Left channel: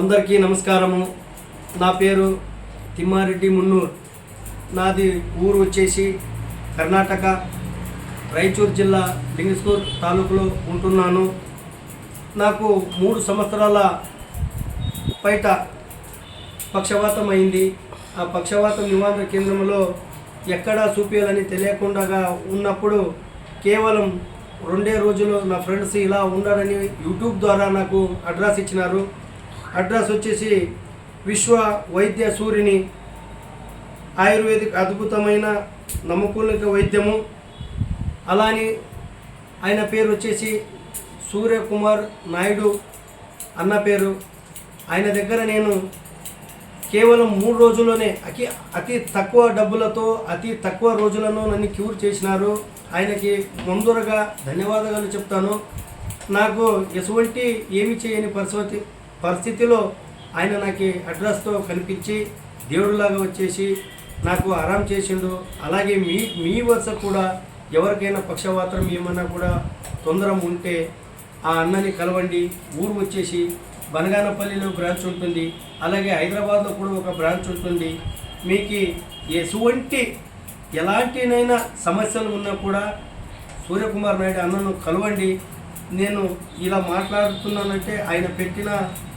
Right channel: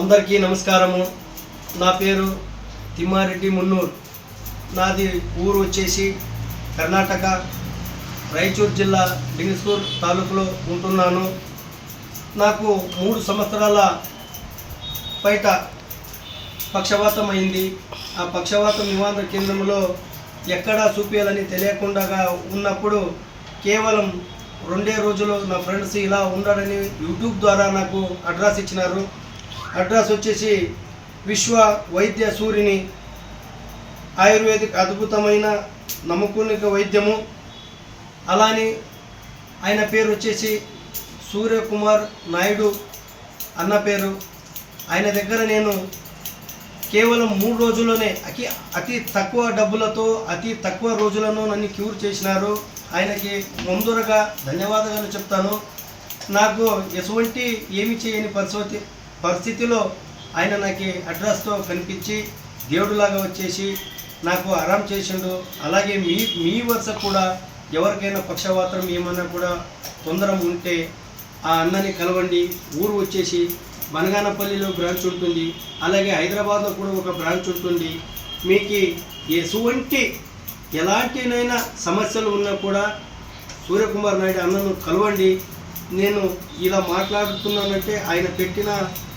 అందరికీ నమస్కారము. నా పేరు తిమ్మారెడ్డి మున్నూర్. నాది ఊరు వచ్చేసి కర్ణాటక, రాయచూరు జిల్లా లింగస్కూర్ తాలూకులో ఉంటున్నాను. నాకు 3 సంవత్సరాల బయట పక్షవాతం అయింది. ఆ పక్షవాతం నివారణ కేంద్రంలో ఎక్కడా చూపించాలని తెలియకుండా ఉన్నప్పుడు కేవలం 2 రోజులు నా ఫ్రెండ్స్ ఇలా ఉన్నారని యూట్యూబ్ ద్వారా నాకు అడ్రస్ ఇచ్చినారు. అడ్రస్ వచ్చేసి విశ్వ వైద్య సూరిని ఆయుర్వేదిక్ అద్భుతమైన నమ్మకూలిక వైద్యము. అలాని ఆయన పేరు వచ్చేసి సూర్యకుమార్ నాయుడు అన్న పేరు. ఆయన దగ్గర నేను కేవలం 3 రోజుల్లోనే అతి తక్కువ డబ్బులతో అతి తక్కువ రోజులను నన్ను క్యూర్ చేసినారు. ఆయనకి ముందుగా ధన్యవాదాలు చెప్తాను. నాకు ఎటువంటి ఏమి చేయని పరిస్థితిలో ఆయన నాకు అడ్రస్తో కనిపించి దేవుడిలాగా వచ్చేసి నాకు ఆరాం చేసిండు. అలాగే మీ వరుస కూడా ఎవరికైనా పక్షవాతం ఏమైనా కూడా తొందర ఉంటే ఆ అన్నని కలవండి. ఊరు వచ్చేసి బనగానపల్లిలో బ్రాంచ్ ఉంటుంది, అలాగే హైదరాబాద్లో కూడా ఒక బ్రాంచ్ ఉంటుంది. మీకు ఎలాంటినైనా సమస్యలు ఉన్నా కూడా సూర్యకుమార్ నాయుడు అన్నను కలవండి. నేను ఇలా మాట్లాడుతున్నానంటే ఆయన పెట్టిన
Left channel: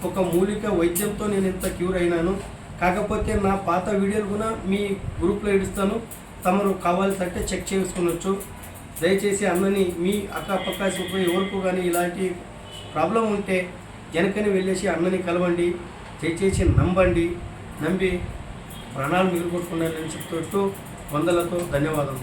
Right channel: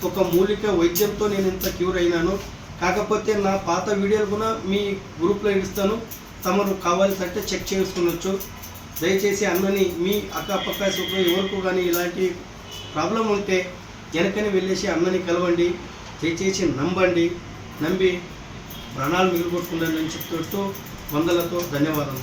ఒక మూలిక వైద్యంతో నేను ఇంత క్యూర్ అయినాను. కాకపోతే నా పాత వీడియోలు కూడా మీ గ్రూప్లో ఇస్తాను, తమరు కావాల్సింటే చెక్ చేసుకునొచ్చు. దయచేసి అన్నని మీ అక్కపక్క ఎవరికి కానీ ఇలాంటి ప్రాబ్లం ఉంటే వెనకని వెళ్ళేసి అన్నని కలవండి. దయచేసి నమ్మి ప్రాణాలు మిగిలిపోతున్నారని చెప్తూ వందలతో ధన్యవాదాలు.